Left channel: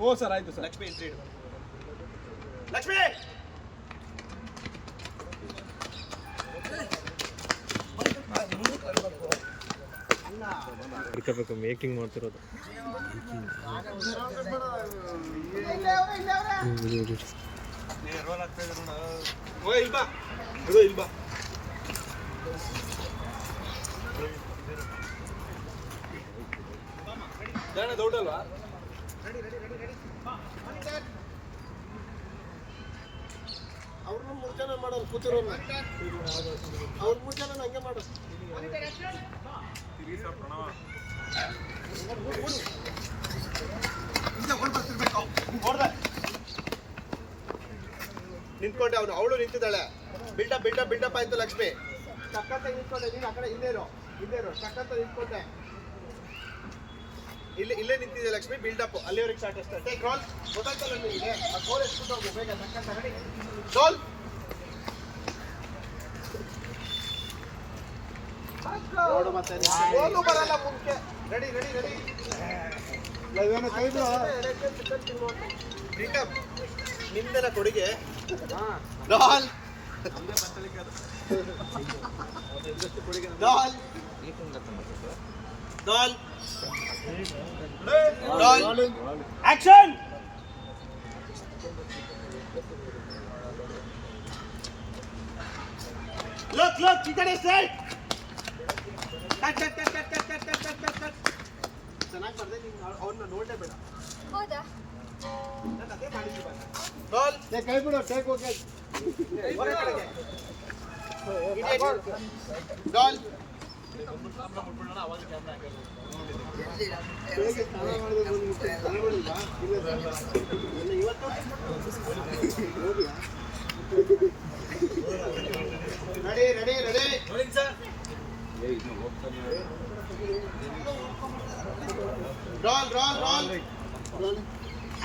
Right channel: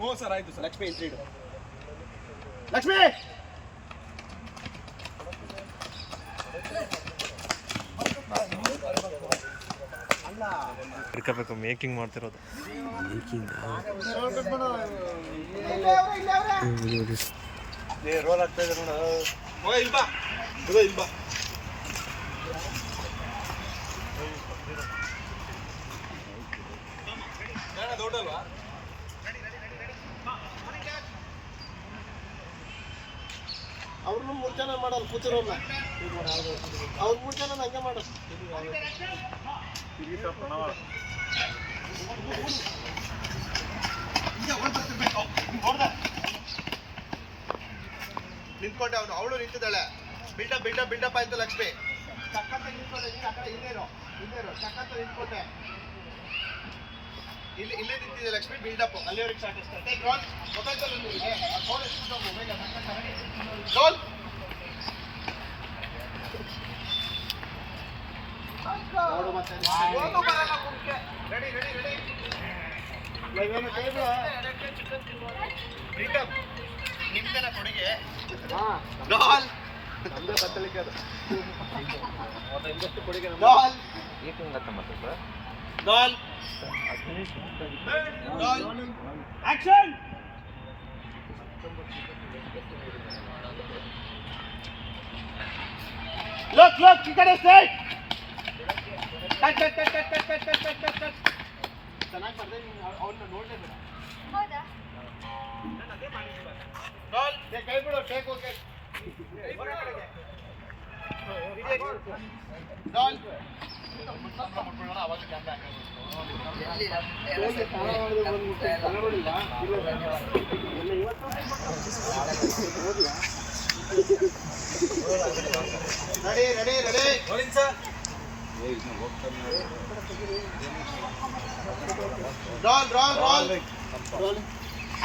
ಓ sir ಆಯ್ತು sir. Lakshmi entry ಇಡು ಲಕ್ಷ್ಮಿ! ಹಿಡ್ಕೋಬೇಕು ಮೇಕಿಂಗ್ ಮಾಡ್ತಿರೋದು. ರೋಲ್ ಅವ್ರನ್ನ ಮೂರು ಜನ ಮಾಡೋರು ಕೂತಿರೋಲ್ಲ ಅವ್ರ ಮೂರು ಜನ ಹಂಗೆ ಮಾಡೋದು ನಿಂತ್ಕೊಂಡೆ ಅವನು ಅವಳು ನಿಂತಿದ್ದಾಳೆ. ಬಿಲ್ಡಪ್ ಬಿಲ್ಡಪ್ ಬಿಲ್ಡಪ್ ಆಯ್ತು ಲಕ್ಷ್ಮಿ. ತಕ್ಕಂತ ನಿಂತ್ಕೊಂಡೆ. ನೀನು ಆ ಕಡೆ ಇಲ್ಲೇ ಇರೋ. ಇಲ್ಲೇ ಇರೋ. ತಕ್ಕಂತ ನಿಂತ್ಕೊಂಡೆ. ಇಲ್ಲಿ ಇಲ್ಲೇ ನಿಂತಿದೆ ಲಕ್ಷ್ಮಿ ಬಿಲ್ಡಪ್ ಅಲ್ಲಿವರೆಗೆ ಸ್ಟಾರ್ಟ್ ಅಷ್ಟೇ ಟೇಕ್ ರೋಲ್ ಗೊತ್ತಾಗ್ತಲ್ಲ ನಿಮಗೆ? ಆ ಕೋಲ್ ಎಸ್ಬಿಟ್ಟು ಹೋಗು? ಬೇಗ ಟಕ್ಕಂತ ರೆಡಿ ರೋಲ್ ನೋಡು ಮತ್ತೆ ಒಂದು ಬರಲ್ಲ ರೆಡಿ ರೆಡಿ ರೆಡಿ ಕೈ. ಬಿಲ್ಡಪ್ ಕೊಡುಗೆ? ಹಾ. Doll roll roll roll action look look ಈ ಕಡೆ ಸ್ಟ್ರೈಟ್ ಟಕ್ ಟಕ್ ಟಕ್ ಟಕ್ ಟಕ್ ಟಕ್ ಟಕ್ ಟಕ್ ಟಕ್ ಟಕ್ ಚೆನ್ನಾಗಿ ಬರ್ದೆ ನೀನು ಅವನ್ನ ನೋಡಲೇಬೇಡ ಹೌದಾ ರೋಲ್ ಏ, ಕೈ ಬಿಡು take okay roll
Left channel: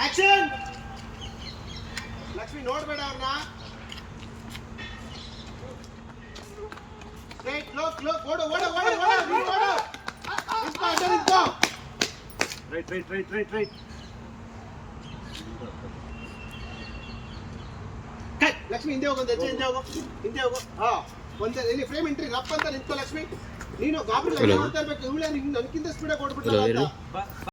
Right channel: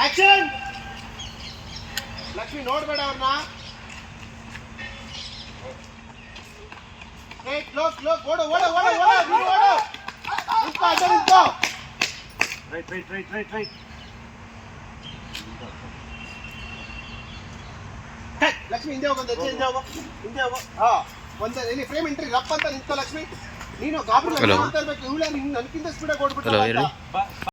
action Lakshmi ನೋಡ್ಬೇಡ ಅವ್ರನ್ನ రేట్లో లో ఓడు ఓడు ఓడు ఓడు నువ్వు ఓడు ఇస్తా అంటే లక్ష్మి ఇందే ఒక ఇందే ఇందే ఒక ఆ ಒಂದ ಇಲ್ಲಿ ಫ್ರೇಮ್ ಎಂಟ್ರಿ ರಪ್ಪ ಅಂತ ನಿಂತ ಲಕ್ಷ್ಮಿ ನೀನು ಗಾಬರಿ ಇರ್ಬೇಕು ಇವಳೇ ನಿಂಗೆ ನನಗಿಂತ ಸ್ಪೀಡಾಗಿ